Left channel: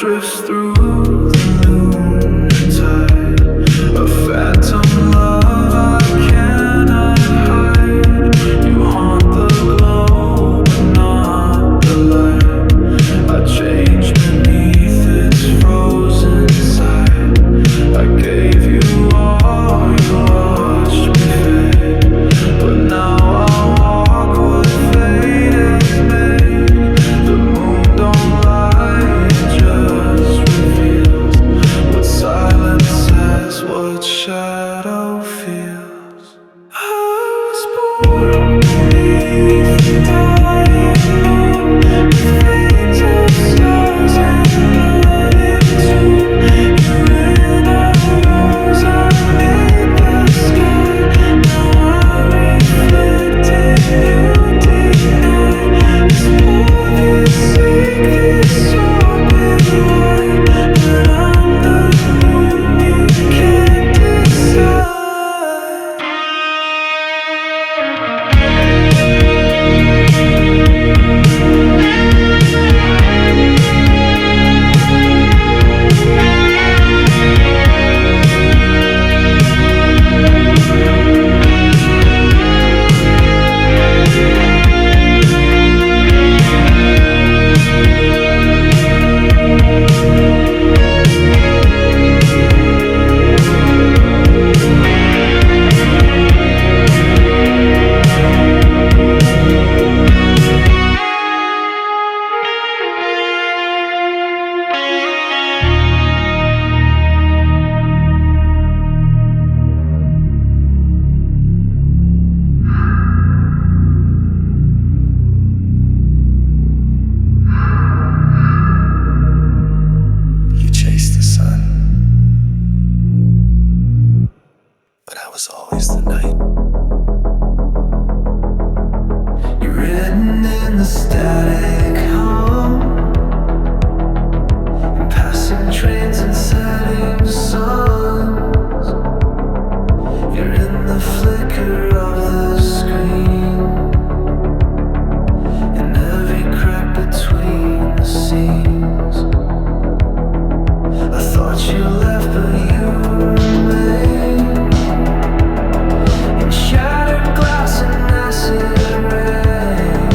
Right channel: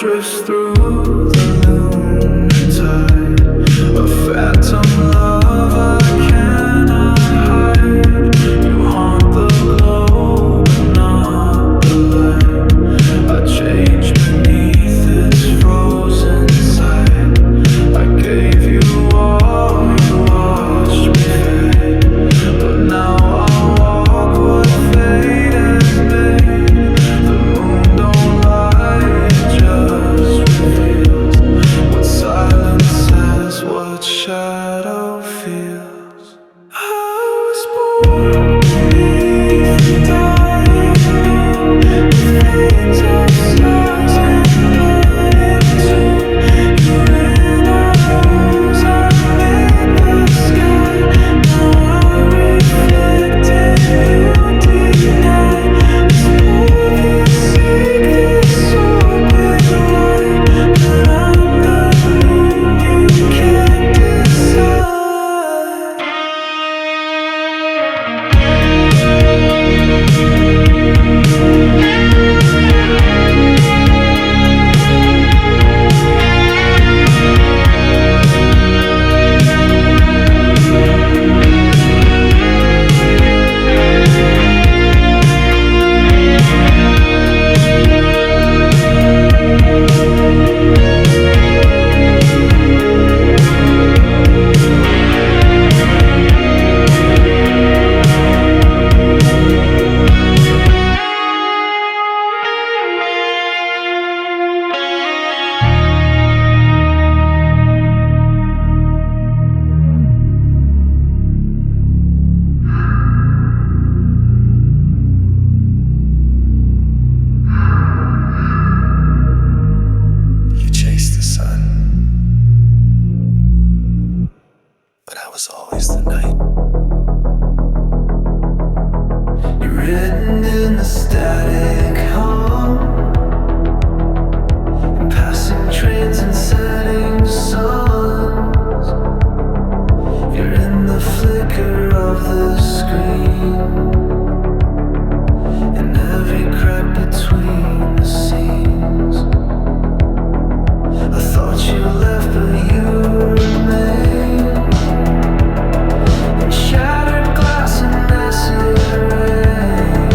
drifts through the lunar tide. A phantom love I cannot hide. You haunt the glow but not the light. I change beneath its frozen side. I gave you all, you watched me fade. But now I walk what fate has made. The moon don't lie, it just reveals what silence says, what shadow feels. I was born beneath the dying moon, with veins of stars in blood in tune. You and I rose, I made the sky. Now I reflect and you deny. This both is sick, this orbit wide. But I'm the moon you can't decide. You chased the sun, but I was always the night. You're written in the static hum, in passing trains and setting suns. You're in the flicker of the screen, in every crack between the scenes. I thought you left, but you remain, in shattered glass and acid rain.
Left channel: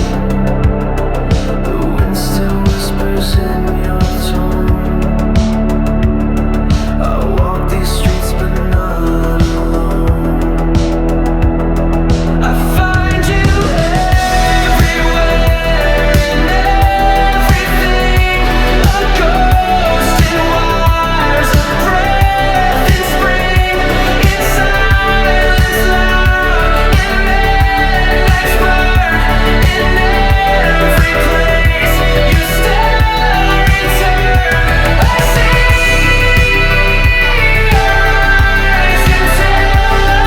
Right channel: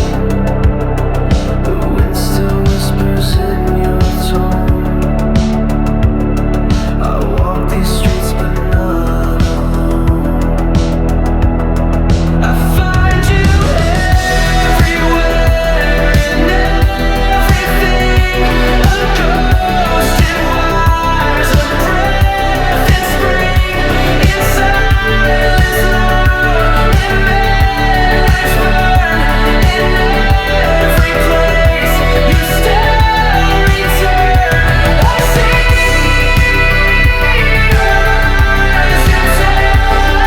The wind still whispers in your tone. I walk these streets, but not alone. I find you everywhere, in everything. A ghost in wires, a breath in spring, in silence loud, in midnight's burn. In every place you still return. I see your eyes until I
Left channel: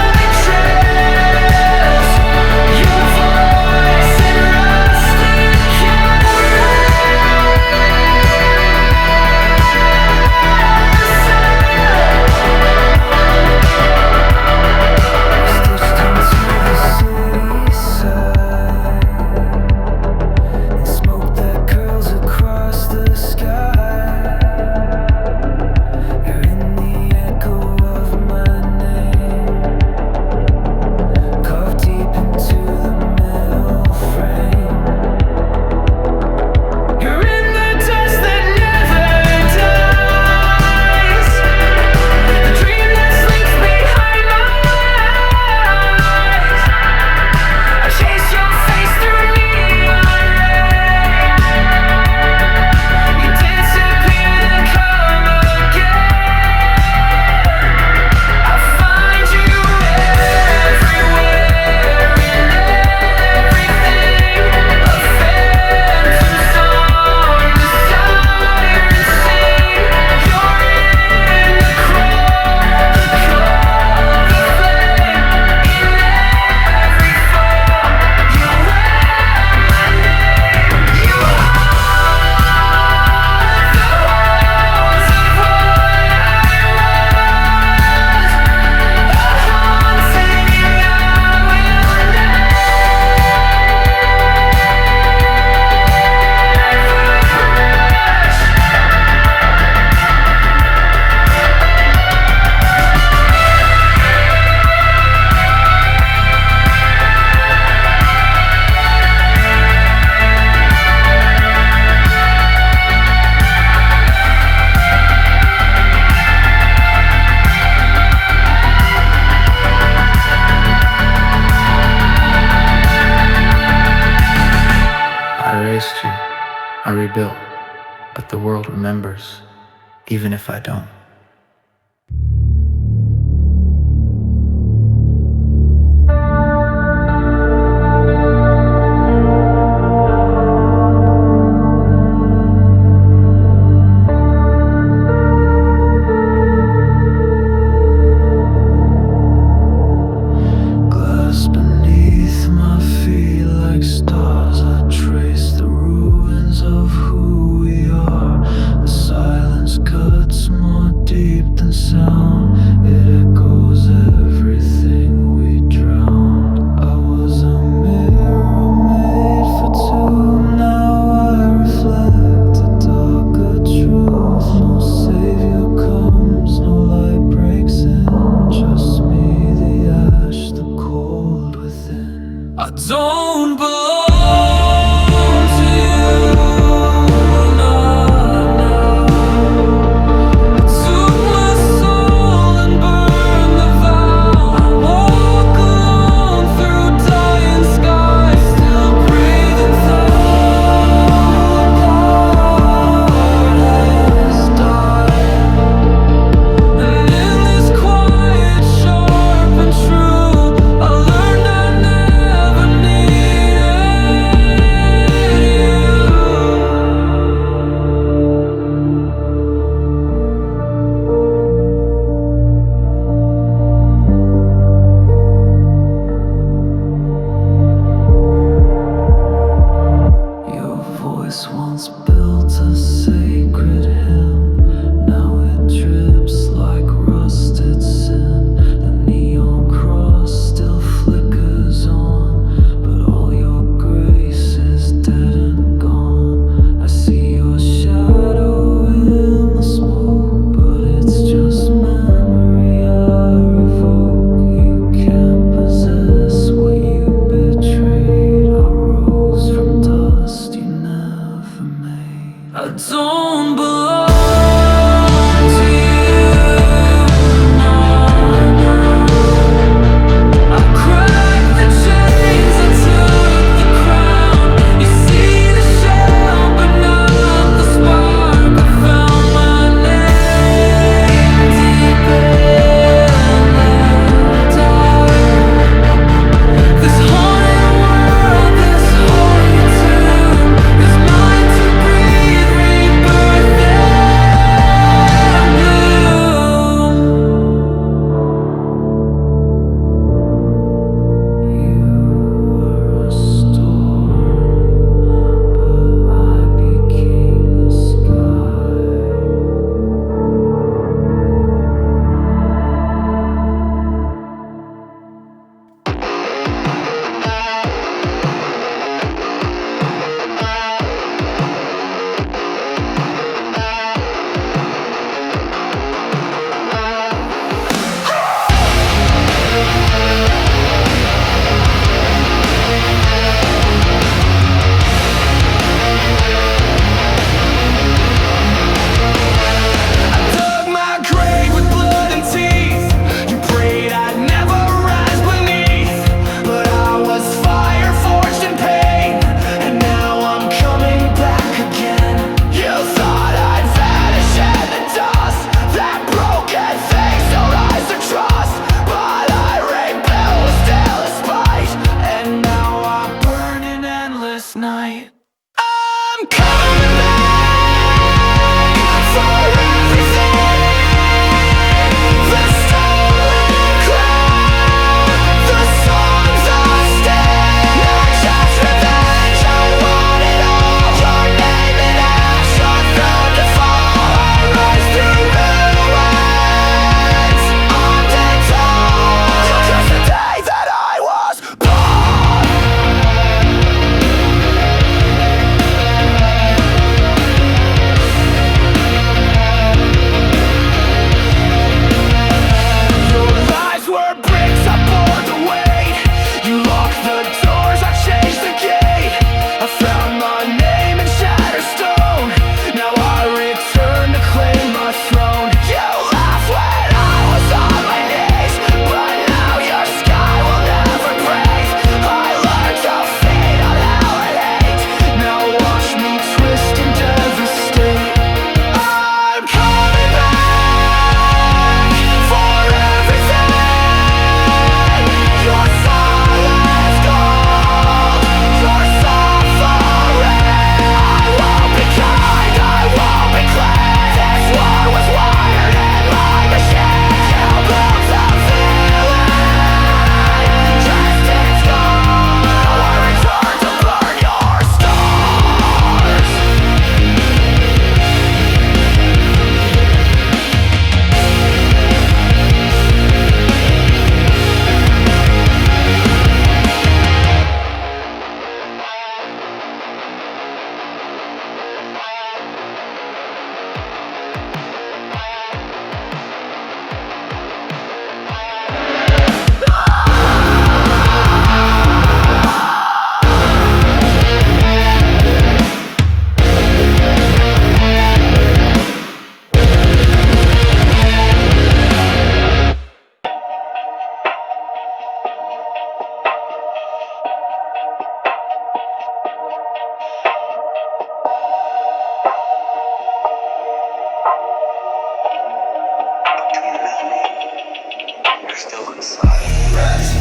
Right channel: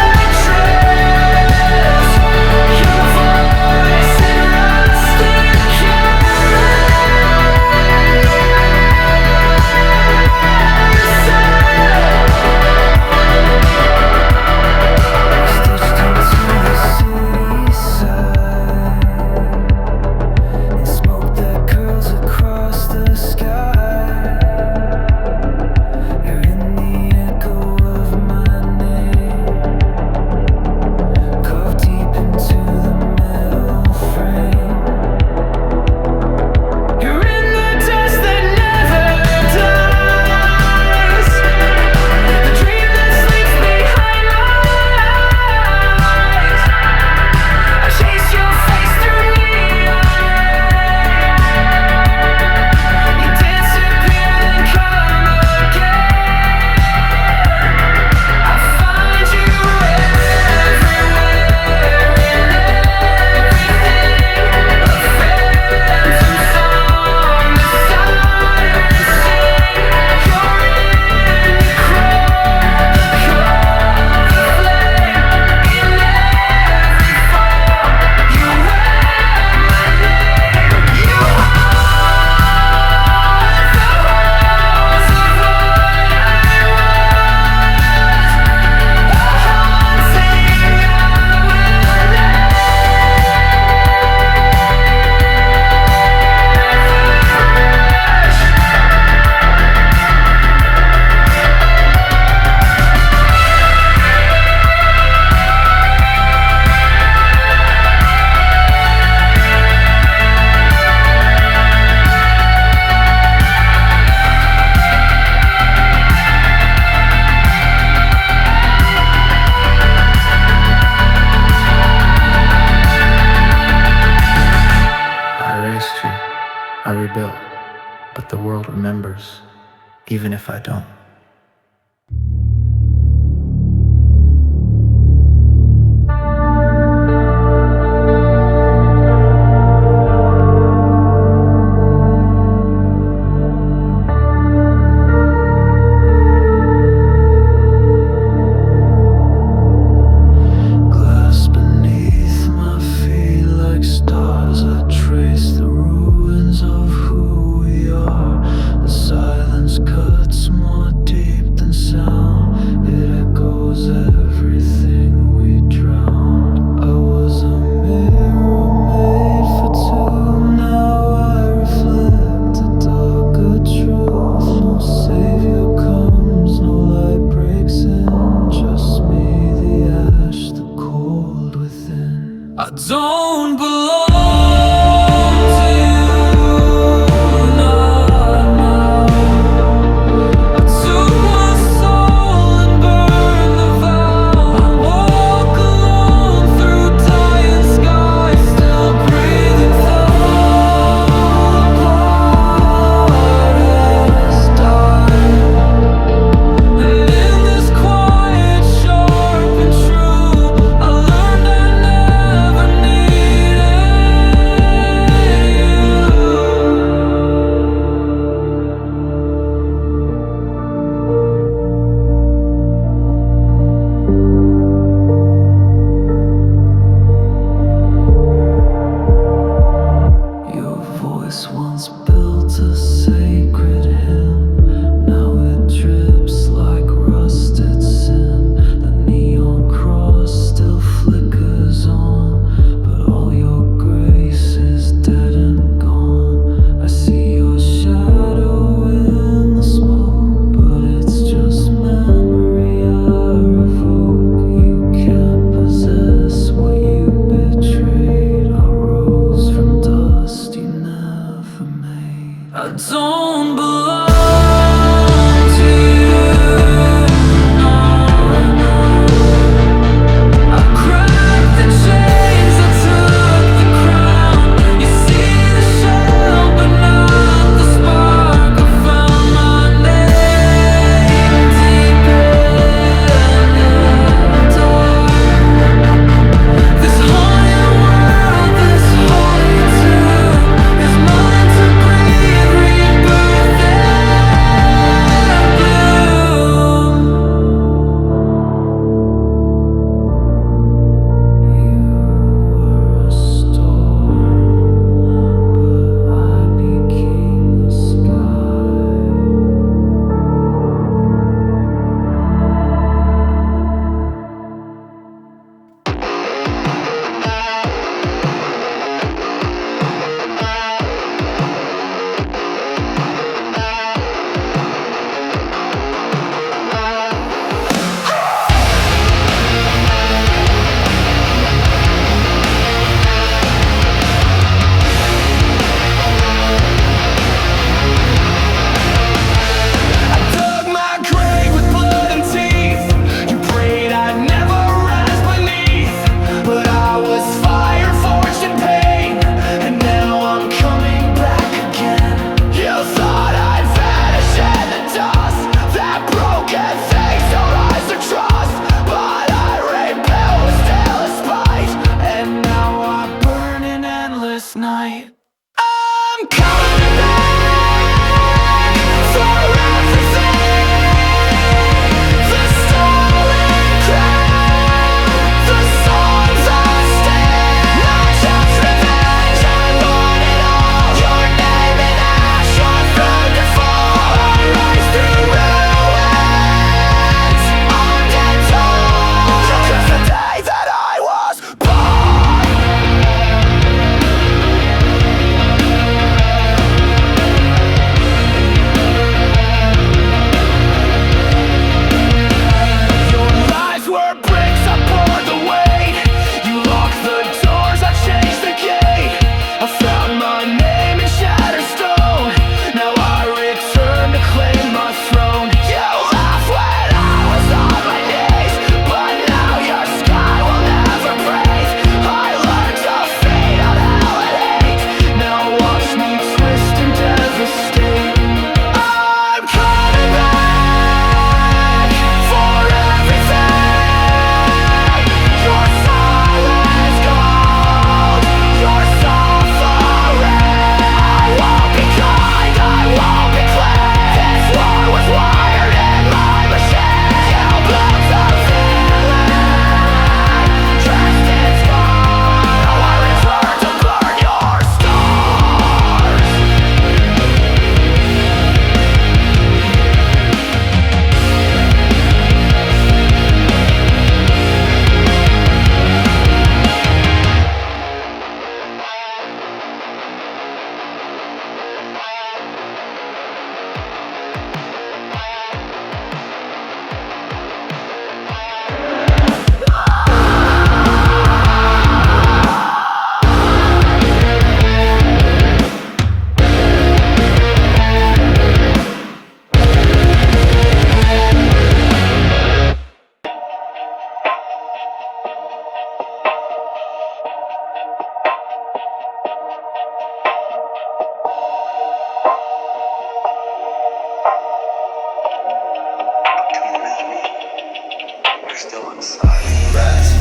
I rebuilt, but the world remembers, even if I don't. Glass beneath my feet like stars, I trace the ruins of who we are. The silence cuts more deep than sound, it echoes everything we drowned. I was a mirror made for two, now I reflect a darker truth. No savior comes, no light breaks in, just me, the ash, the cold within. I don't belong to you, not now. I took my soul and burned the vow. I walk alone through dying skies, still breathing though a part has died. And in this quiet, sharp and true, I learned I never need still inside. Rats